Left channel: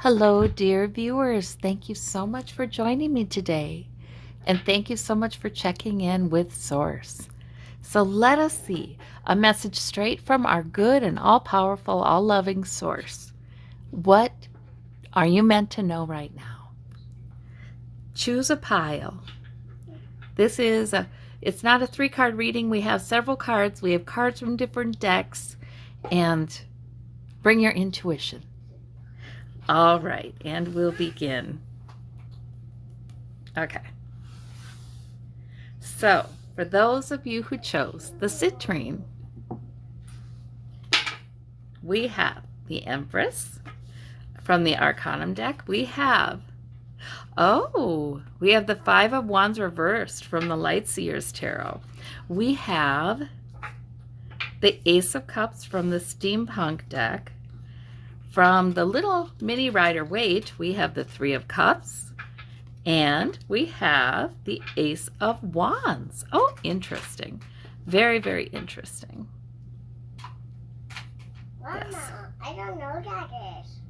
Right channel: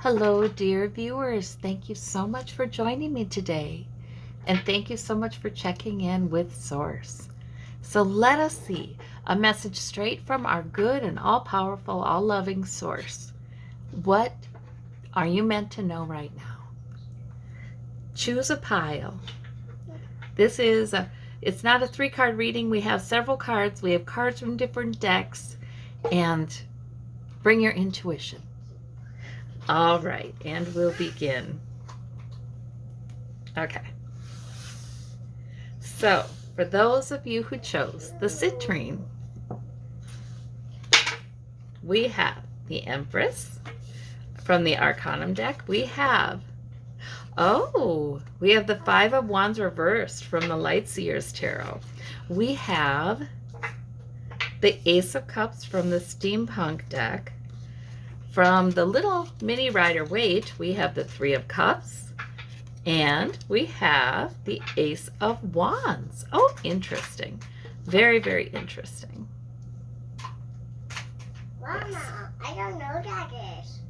Hello, dear viewers. Thank you so much for joining me today. And thank you so much for checking in with Source. So let us see a message straight from our good and all powerful, all loving Source. What are you meant to know right now? Choose a pile. It's not a 3-card reading. We have several cards. We have cards from different decks. And bring your intuition. All right, and we'll begin. Okay. So, for those of you who chose the citrine, we have the Empress. From the Arcanum deck, we have the Five of Wands reversed from the Lightseer's Tarot. We have the Ace of Cups from the Steampunk deck. From the Little Mini Rider-Waite, we have the Three of Cups. And we have the Ace of Wands. Oh, interesting. Very, very interesting. Mama, yes. I don't know that is.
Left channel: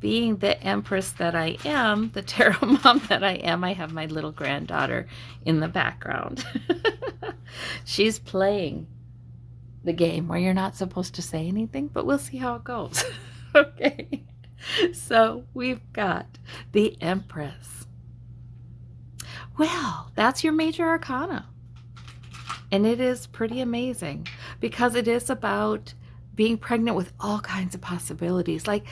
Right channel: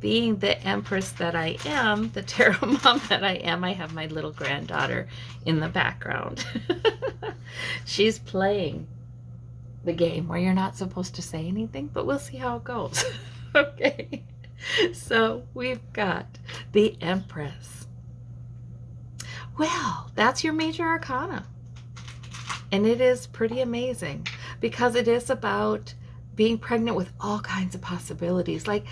Being the Empress that I am, the tarot mom that I am, I have my little granddaughter in the background. She's playing the game where you're not supposed to say anything, but we'll see how it goes. Okay. So we've got the Empress. Well, that's your major arcana. And it is pretty amazing because it is about being pregnant with all kinds of possibilities. Like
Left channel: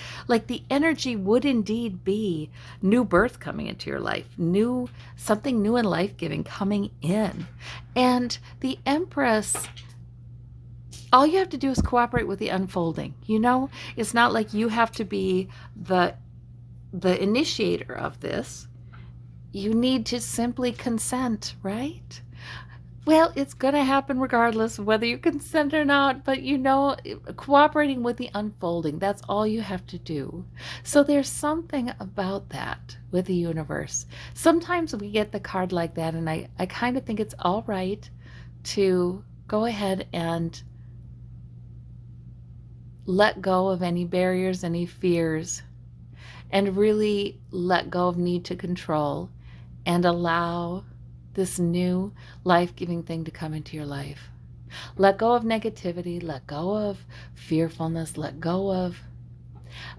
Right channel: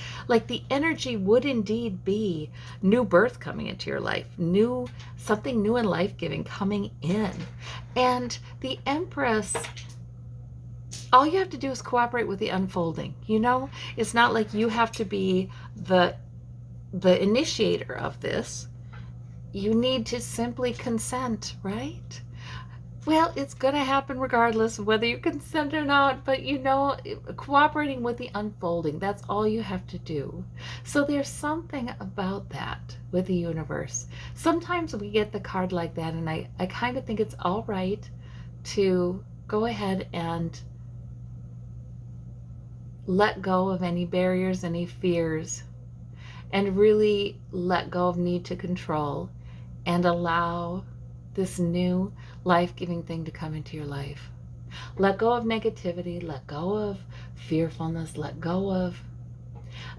the energy would indeed be new birth coming into your life, something new and life-giving coming in. And the Empress, all you have to do is cooperate with the unfolding. It's not like you have to be the initiator of this. You need to simply consent, right? Well, it's going to happen regardless of whether you consent or not, but cooperating with the unfolding, that's all you have to do. So there's something about that with the universe. Sometimes we get the card like that, and I kind of think it's all right to go ahead and let go of any barriers, any fears, and really let go of need to control and allow this new life-giving thing to come into your life. Let go of negativity, let go of fearfulness, let go of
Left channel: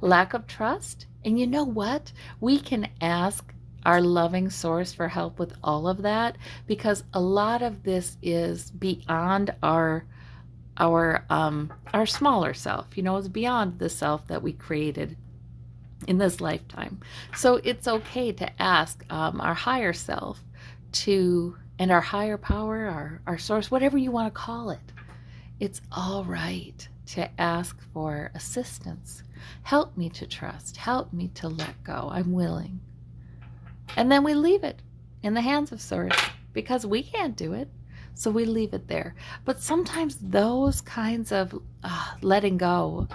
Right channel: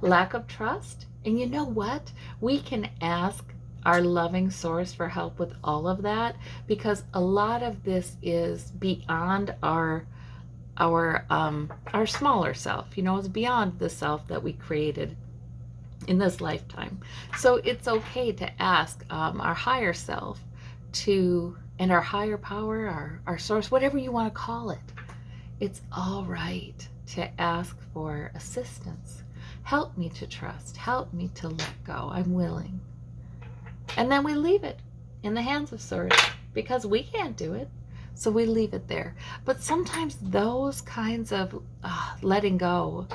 lack of trust. And you know what? We can ask our loving Source for help with all of that, because a lot of this is beyond our smaller self. It's beyond the self that we created in this lifetime. So it's okay to ask our higher self and our higher power, our Source, whatever you want to call it. It's all right to ask for assistance. Help me to trust. Help me to let go. I'm willing. And then we leave it in the hands of Source because we can't do it. So we leave it there. But sometimes those kinds of letting go,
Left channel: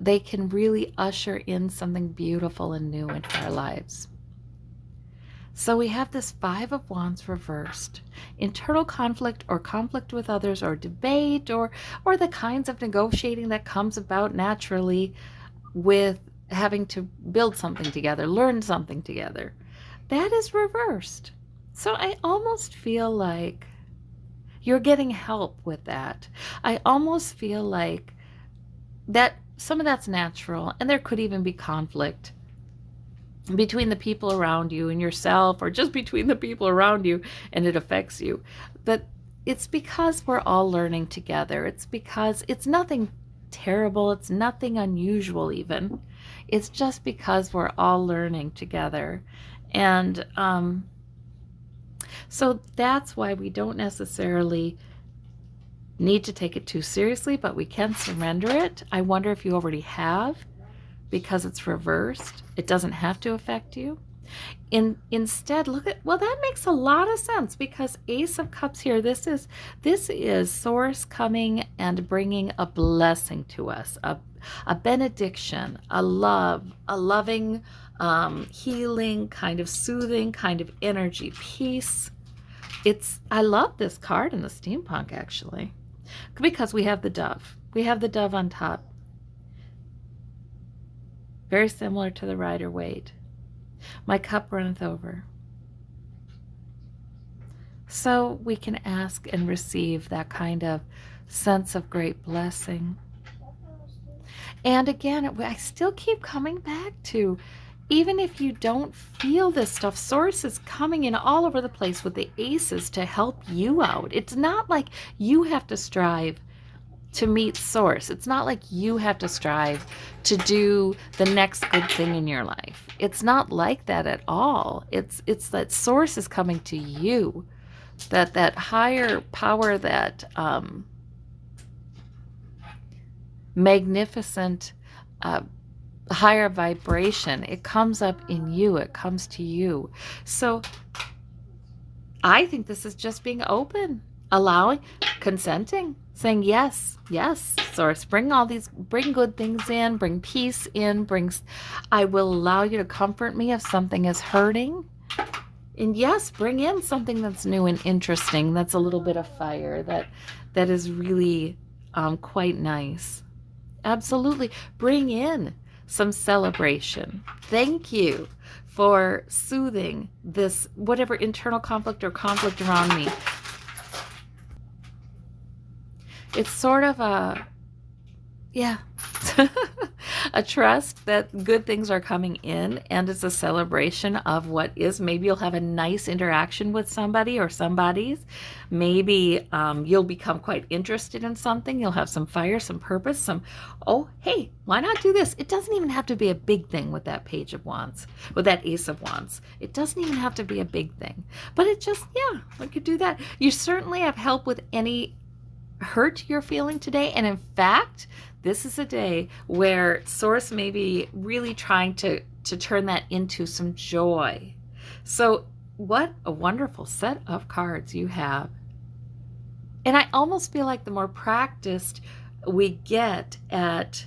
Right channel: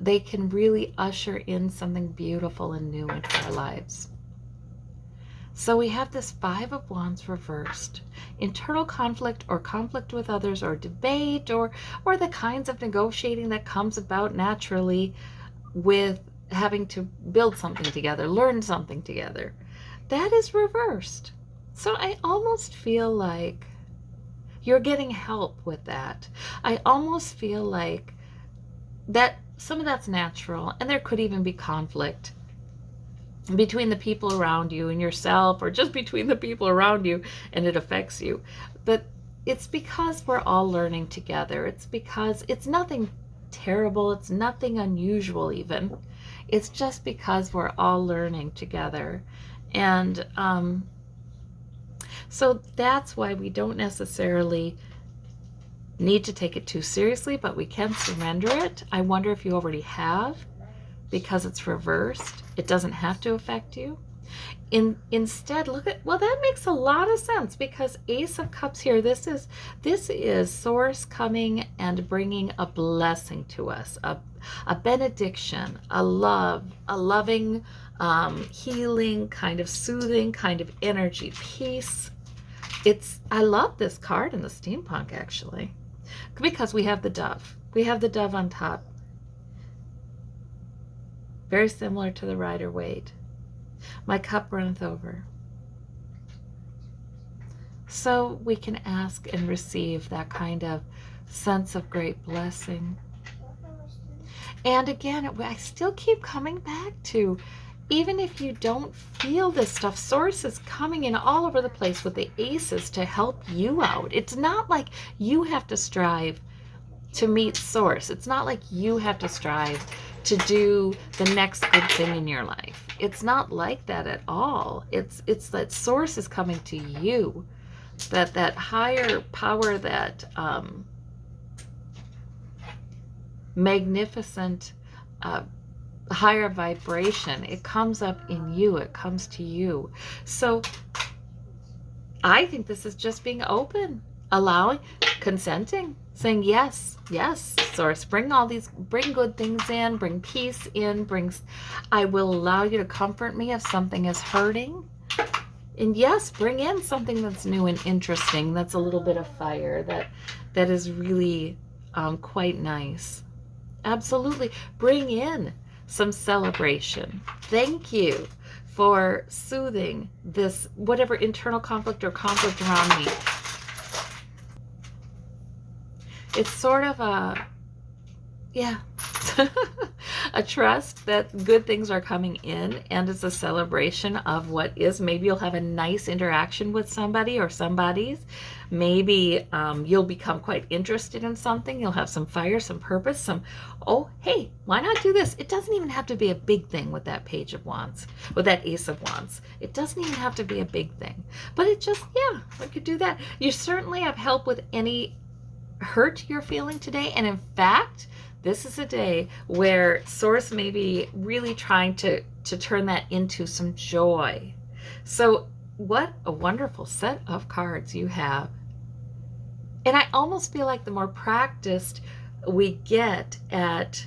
they can really usher in something beautiful and new into our lives. So we have this Five of Wands reversed. Internal conflict or conflict with others or debate or the kinds of negotiating that comes about naturally with having to build something together, learn something together. That is reversed. So I almost feel like you're getting help with that. I almost feel like that some of that's natural, and there could even be conflict between the people around you and yourself, or just between the people around you and it affects you. But it's because we're all learning together. It's because it's nothing terrible. It's nothing unusual even. It's just because we're all learning together. And so that's why we don't necessarily need to take it too seriously, but we can surrender it. I wonder if you already have, because it's reversed. It doesn't have to affect you. Instead, that makes a lot of sense, because Ace of Cups here, this is Source coming and bringing a blessing to us, a benediction, a love, a loving, healing, kind of soothing kind of energy, peace. I love this card in the Steampunk, actually, because we have the dove. We have the dove on top. very similar to the Rider-Waite. My cup runneth over. So we can ask and receive that kind of sense of great blessing. And again, I still keep coming back to, even if you don't feel this stuff, Source is coming in all over the place with the aces to help you out. It's not like you have to strive to meet Source. It's not like you have to strive to do the next good thing in your life. It's not like that at all. It's that Source is coming to you. That higher power, that magnificent higher vibration, it comes up in you, it comes to you. So I think this is just being open, allowing, consenting, saying yes, yes, Source, bring good things in, bring peace in, I will allow you to comfort me if something is hurting. And yes, bring in something that's new and interesting, that's a little bit of fire, that is really quite nice. Absolutely. Bring in some celebration. Thank you for soothing this whatever internal conflict or conflict around me. It's sort of a trust that good things are coming in, and it's a celebration of what is. Maybe you'll have a nice interaction with somebody or somebody's. Maybe you'll become quite interested in something. You'll have some fire, some purpose, oh, hey, why not do this? It doesn't even have to be a big thing with that Page of Wands, with that Ace of Wands. It doesn't even have to be a big thing. But it just, I could do that. You certainly have help with any hurt you're feeling today. And in fact, this is a day where Source may be really trying to turn that into some joy. So what a wonderful set of cards you have. And I almost feel like the more practiced we get at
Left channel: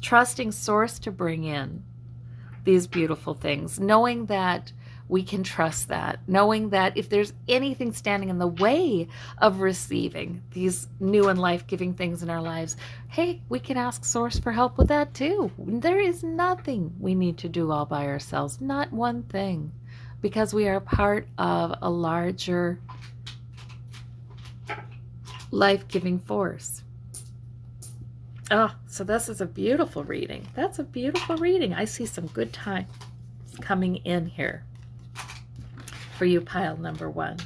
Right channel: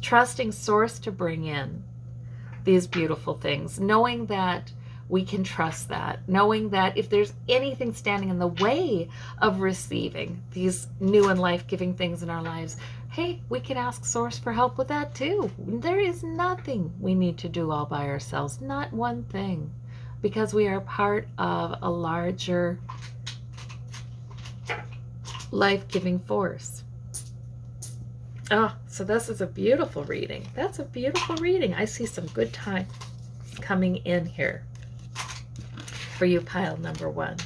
trusting Source to bring in these beautiful things, knowing that we can trust that, knowing that if there's anything standing in the way of receiving these new and life-giving things in our lives, hey, we can ask Source for help with that too. There is nothing we need to do all by ourselves, not one thing, because we are part of a larger life-giving force. Oh, so this is a beautiful reading. That's a beautiful reading. I see some good time coming in here for you, pile number 1.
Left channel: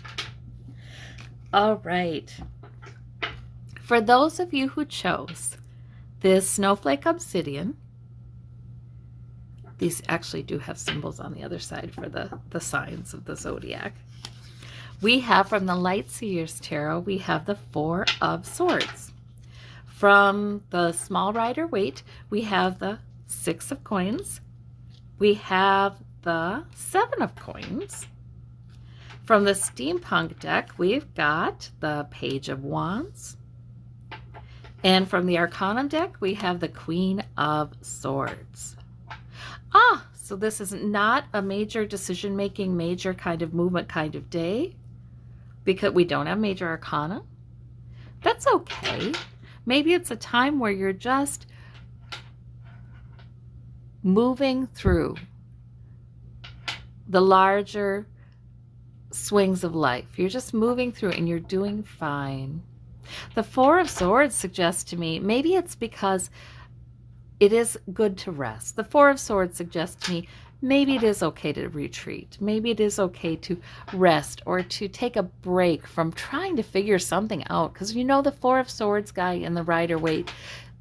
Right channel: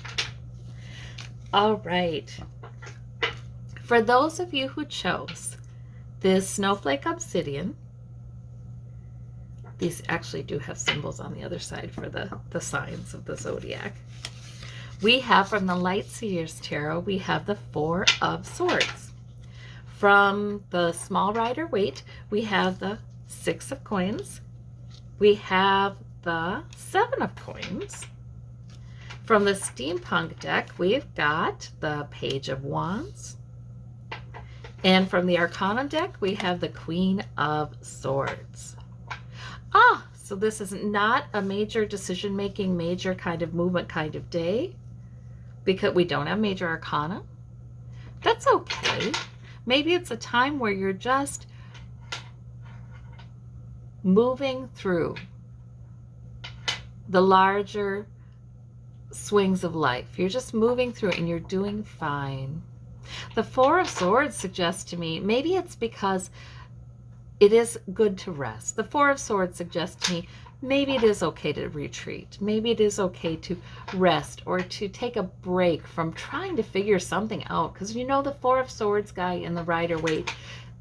All right. For those of you who chose this Snowflake Obsidian, these actually do have symbols on the other side for the signs of the zodiac. We have from the Light Seers Tarot, we have the 4 of Swords. From the Small Rider-Waite, we have the 6 of Coins. We have the 7 of Coins. From the Steampunk deck, we've got the Page of Wands. And from the Arcanum deck, we have the Queen of Swords. So this is not a major decision-making, major kind of movement kind of day, because we don't have major arcana. That's okay. Maybe it's a time where you're just moving through the larger swings of life. You're just moving through it and you're doing fine. The 4 of Swords suggests to me, maybe it's because it is good to rest. The 4 of Swords suggests to me, maybe it is okay to retreat. Maybe it is okay to rest or to take a break from trying to figure something out. Because you know the 4 of Swords guy in the Rider-Waite,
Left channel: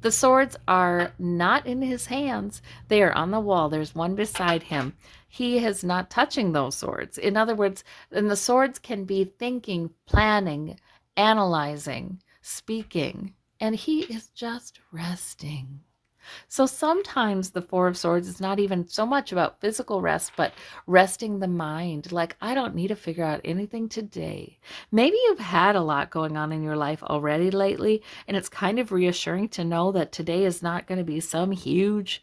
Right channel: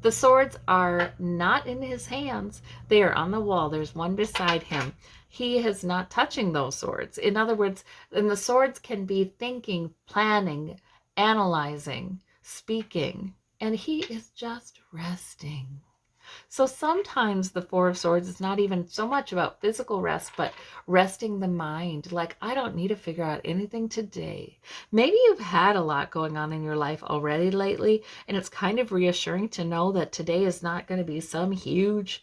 the swords are not in his hands. They are on the wall. There's one beside him. He is not touching those swords. In other words, and the swords can be thinking, planning, analyzing, speaking, and he is just resting. So sometimes the 4 of Swords is not even so much about physical rest, but resting the mind. Like, I don't need to figure out anything today. Maybe you've had a lot going on in your life already lately, and it's kind of reassuring to know that today is not going to be some huge,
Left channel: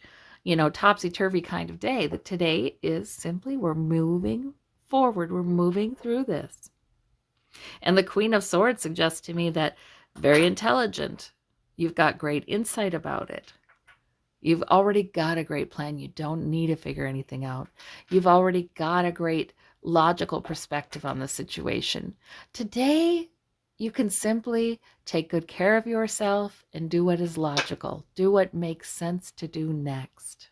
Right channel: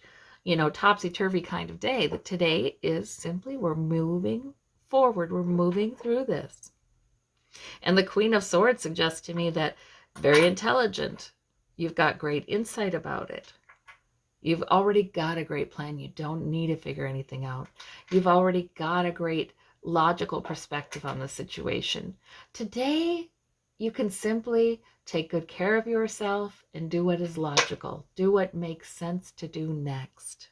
topsy-turvy kind of day. That today is simply, we're moving forward. We're moving through this. And the Queen of Swords suggests to me that very intelligent. You've got great insight about it. You've already got a great plan. You don't need to figure anything out. You've already got a great logical perspective on the situation. Today, you can simply take good care of yourself and do what is logical. Do what makes sense to do next.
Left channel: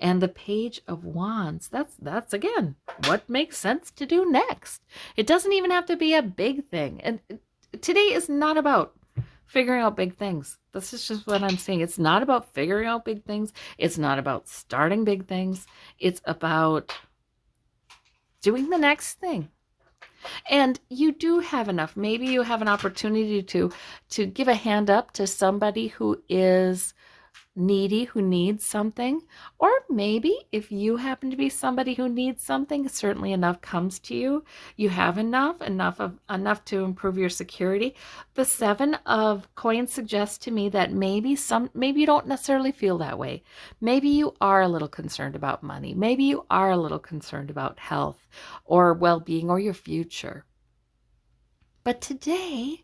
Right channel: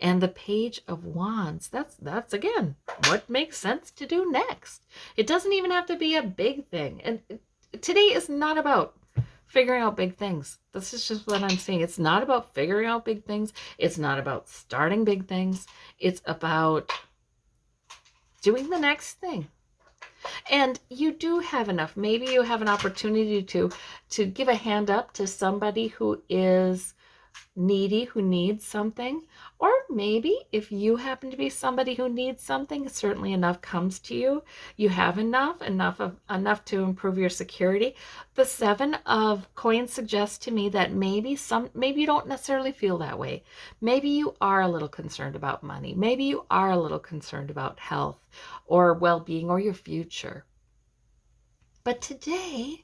And the Page of Wands, that's again what makes sense to do next. It doesn't even have to be a big thing. And today is not about figuring out big things. This is just what I'm saying. It's not about figuring out big things. It's not about starting big things. It's about doing the next thing. And you do have enough. Maybe you have an opportunity to give a hand up to somebody who is needy, who needs something. Or maybe if you happen to be somebody who needs something, certainly enough comes to you. You have enough to improve your security. The 7 of coins suggests to me that maybe you don't necessarily feel that way. Maybe you are a little concerned about money. Maybe you are a little concerned about health or well-being or your future. But today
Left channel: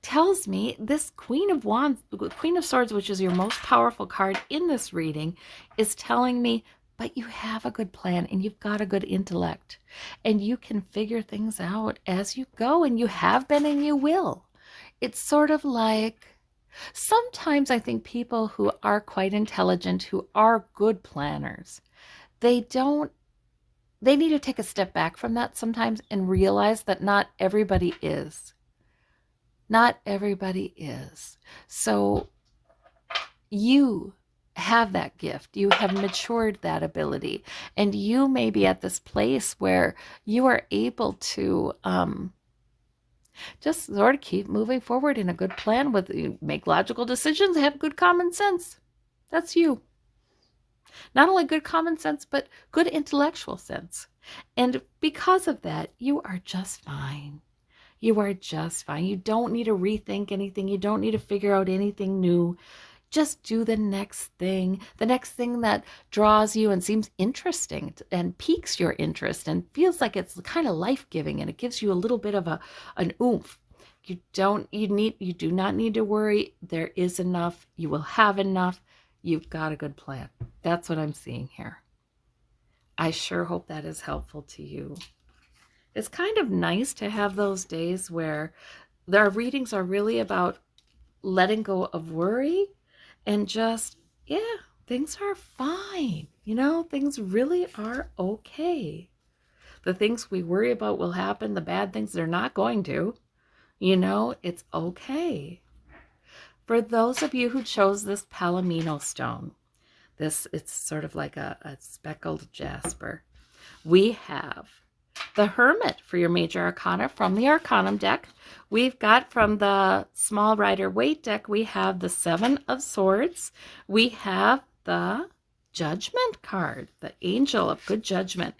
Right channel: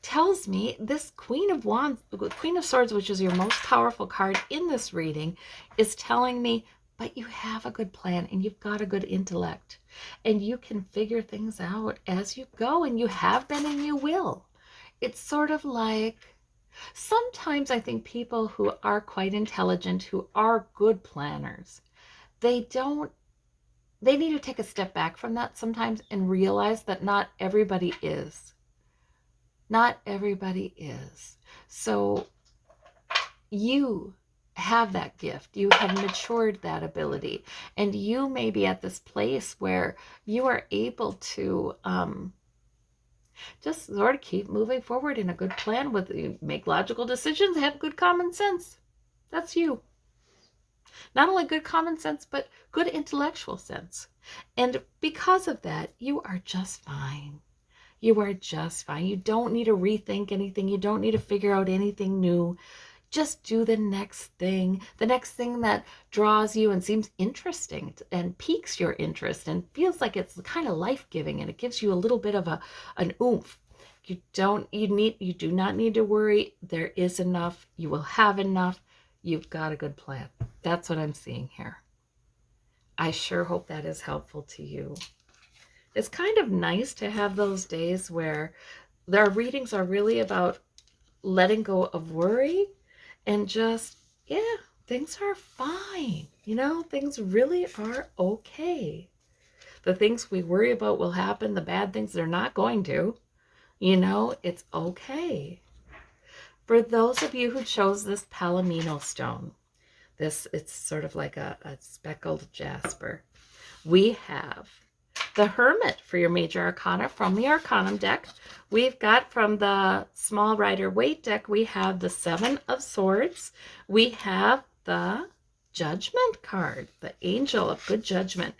tells me this Queen of Wands, Queen of Swords, which is your most powerful card in this reading, is telling me, but you have a good plan and you've got a good intellect and you can figure things out as you go, and you have been and you will. It's sort of like, sometimes I think people who are quite intelligent, who are good planners, they need to take a step back from that sometimes and realize that not everybody is. Not everybody is. So you have that gift. You have matured that ability. And you may be at this place where you are able to just sort of keep moving forward in a good plan, make logical decisions, have good common sense. That's you. Not only good common sense, but good intellectual sense. And because of that, you are just fine. You are just fine. You don't need to rethink anything. You don't need to figure out anything new. Just do the next thing that draws you and seems interesting and piques your interest and feels like it's kind of life-giving, and it gives you a little bit of an oomph. You do not need to worry. There is enough. You will have enough. You've got a good plan. That's what I'm seeing here. I sure hope that is helpful to you. It's kind of nice to have those days where their readings are really about letting go of worry and just, yeah, things are fine. Things really are okay. The things we worry about will happen. The bad things, they're not going to. It's okay. For those of you who chose this Palamino stone, it's sort of like a speckled jasper. We have the Hermit for your major arcana from the Arcanum deck. We've got from the Small Rider Waite deck, we have the 7 of Swords. We have the Judgment card, the Angel of Good Judgment.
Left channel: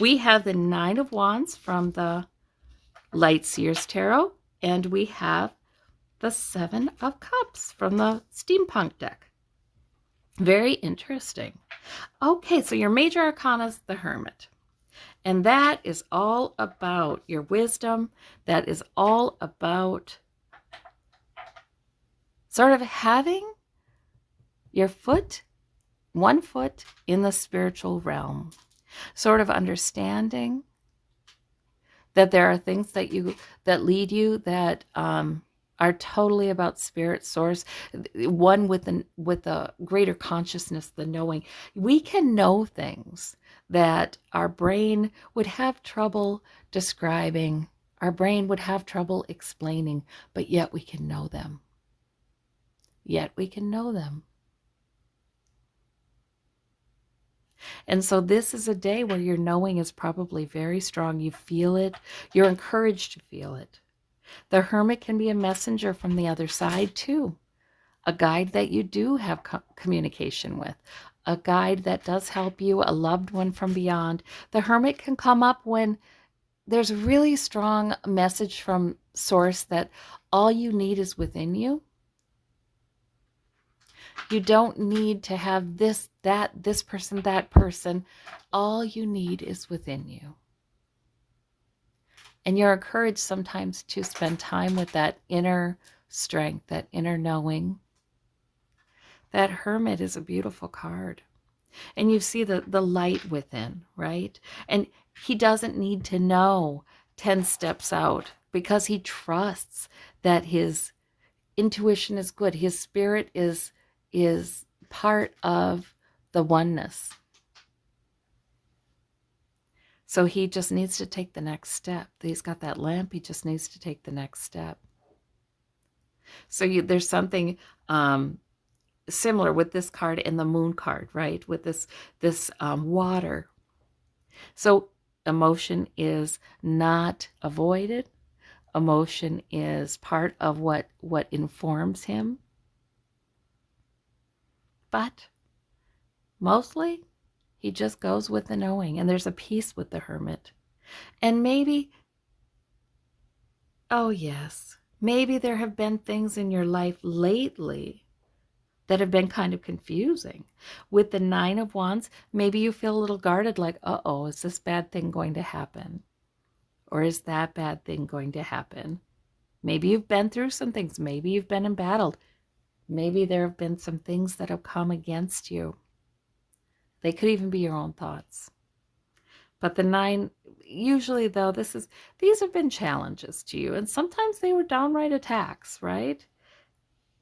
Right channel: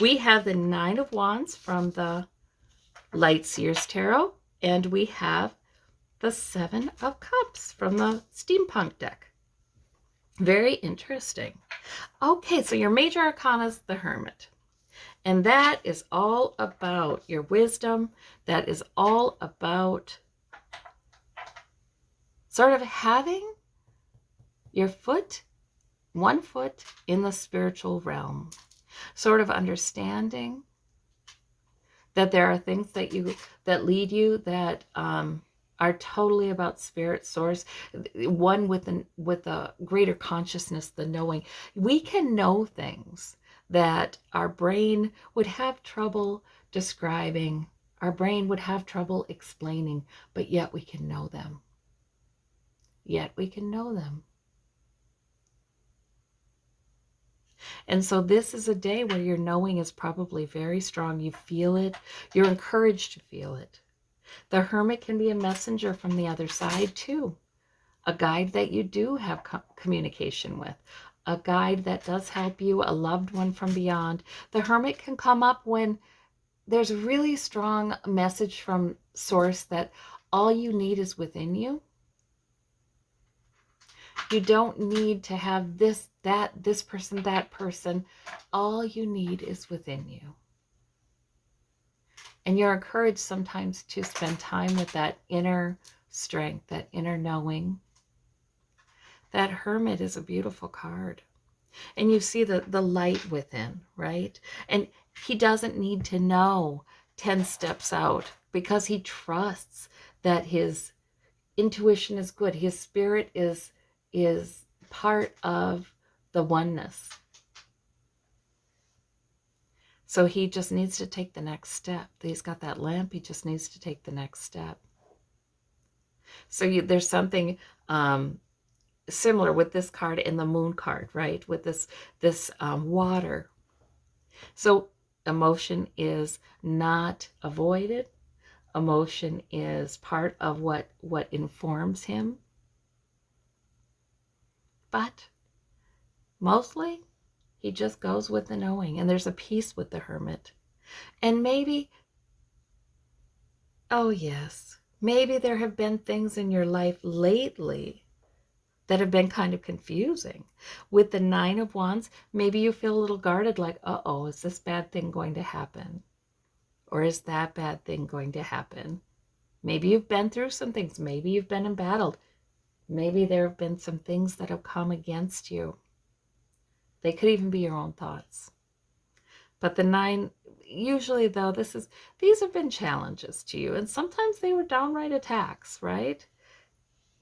We have the 9 of Wands from the Light Seers Tarot. And we have the 7 of Cups from the Steampunk deck. Very interesting. Okay, so your major arcana is the Hermit. And that is all about your wisdom. That is all about sort of having your one foot in the spiritual realm. Sort of understanding that there are things that lead you that are totally about spirit source, one with a greater consciousness, the knowing. We can know things that our brain would have trouble describing, our brain would have trouble explaining, but yet we can know them. Yet we can know them. And so this is a day where your knowing is probably very strong. You feel it. You're encouraged to feel it. The Hermit can be a messenger from the other side too. A guide that you do have communication with. A guide that does help you, a loved one from beyond. The Hermit can come up when there's a really strong message from Source that all you need is within you. You don't need to have this person, that person. All you need is within you. And you're encouraged sometimes to spend time with that inner strength, that inner knowing. That Hermit is a beautiful card. And you see the light within, right? And he doesn't need to know 10 steps out because he trusts that his intuition is good. His spirit is part of the oneness. So he just needs to take the next step. He's got that lamp. He just needs to take the next step. So there's something similar with this card and the moon card, right? With this water. So emotion is not avoided. Emotion is part of what informs him. But mostly he just goes with the knowing, and there's a peace with the Hermit. And maybe, oh yes, maybe there have been things in your life lately that have been kind of confusing. With the Nine of Wands, maybe you feel a little guarded, like, uh-oh, is this bad thing going to happen? Or is that bad thing going to happen? Maybe you've been through some things. Maybe you've been embattled. Maybe there have been some things that have come against you. They could even be your own thoughts. But the nine, usually though, these have been challenges to you. And sometimes they were downright attacks, right?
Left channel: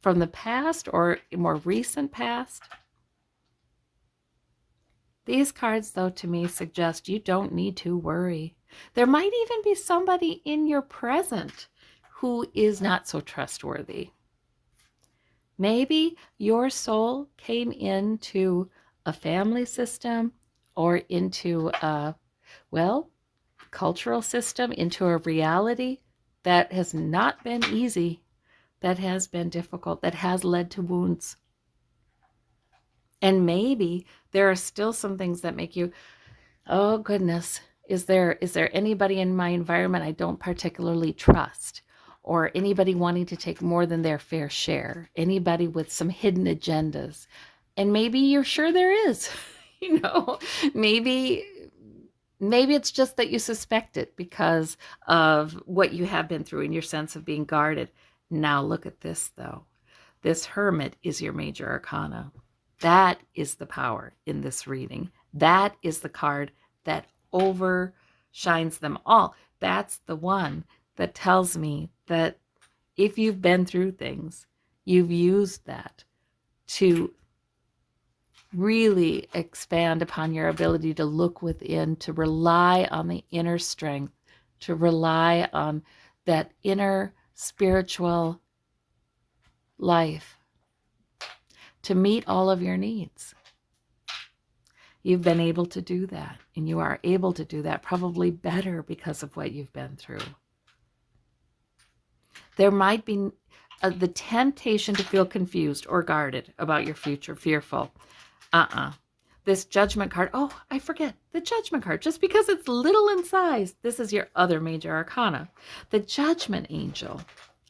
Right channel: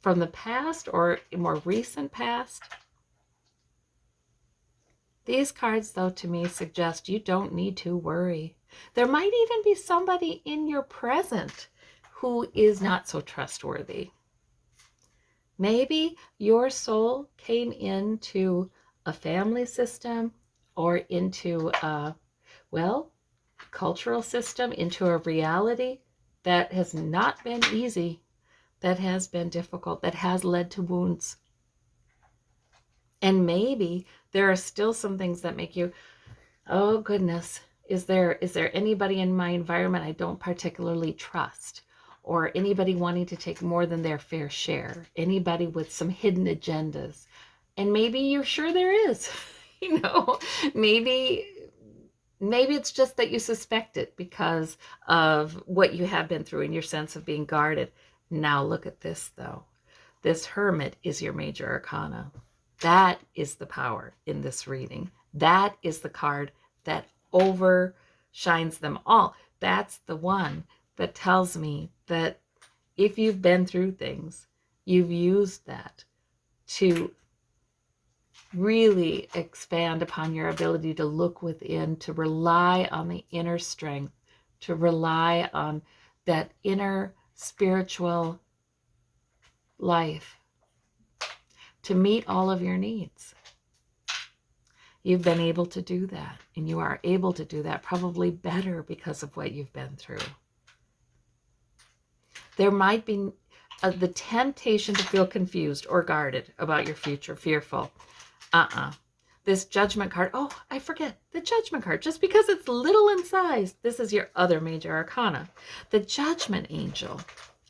From the past or more recent past. These cards, though, to me suggest you don't need to worry. There might even be somebody in your present who is not so trustworthy. Maybe your soul came into a family system or into a, well, cultural system, into a reality that has not been easy, that has been difficult, that has led to wounds. And maybe there are still some things that make you, oh goodness, is there anybody in my environment I don't particularly trust? Or anybody wanting to take more than their fair share? Anybody with some hidden agendas? And maybe you're sure there is. You know, maybe it's just that you suspect it because of what you have been through and your sense of being guarded. Now look at this, though. This Hermit is your major arcana. That is the power in this reading. That is the card that overshines them all. That's the one that tells me that if you've been through things, you've used that to really expand upon your ability to look within, to rely on the inner strength, to rely on that inner spiritual life to meet all of your needs. You've been able to do that, and you are able to do that probably better because of what you've been through. There might be the temptation to feel confused or guarded about your future, fearful. This Judgment card, oh, I forget, the Judgment card, just because it's little in size, this is your other major arcana. The Judgment Angel,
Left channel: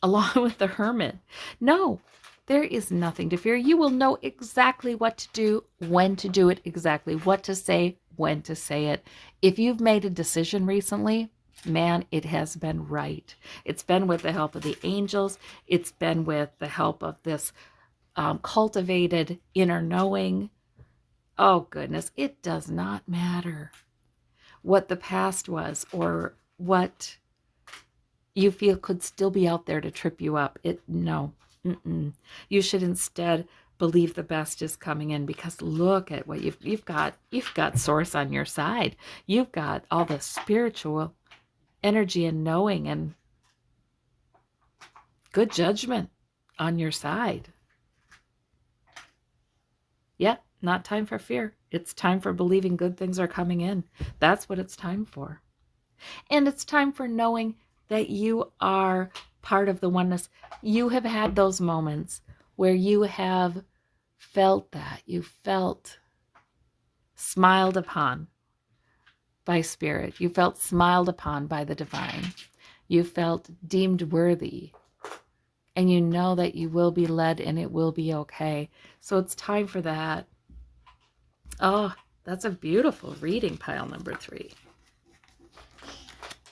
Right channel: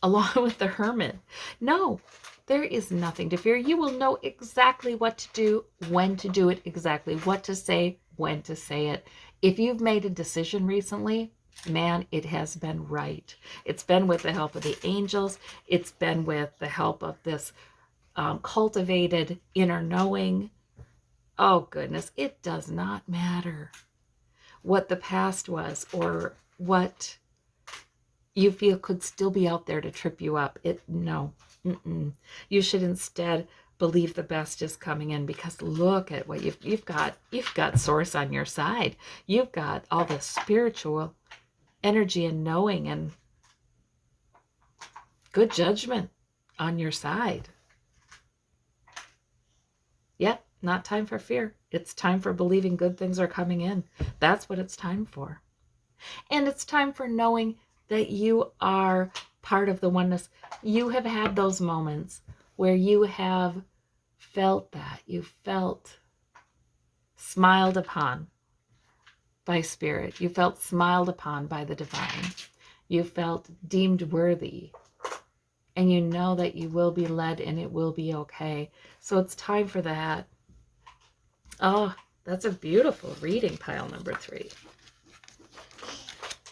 along with the Hermit. No, there is nothing to fear. You will know exactly what to do, when to do it, exactly what to say, when to say it. If you've made a decision recently, man, it has been right. It's been with the help of the angels. It's been with the help of this cultivated inner knowing. Oh, goodness, it does not matter what the past was or what you feel could still be out there to trip you up. No. You should instead believe the best is coming in, because look at what you've got. You've got source on your side. You've got all the spiritual energy and knowing and good judgment on your side. Yep, not time for fear. It's time for believing good things are coming in. That's what it's time for. And it's time for knowing that you are part of the oneness. You have had those moments where you have felt that. You felt smiled upon by spirit. You felt smiled upon by the divine. You felt deemed worthy. And you know that you will be led and it will be okay. So it's time for that. Oh, that's a beautiful reading, pile number 3.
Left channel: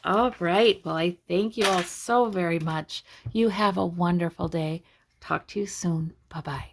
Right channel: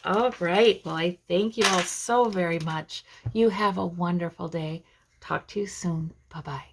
All right. Well, I thank you all so very much. You have a wonderful day. Talk to you soon. Bye-bye.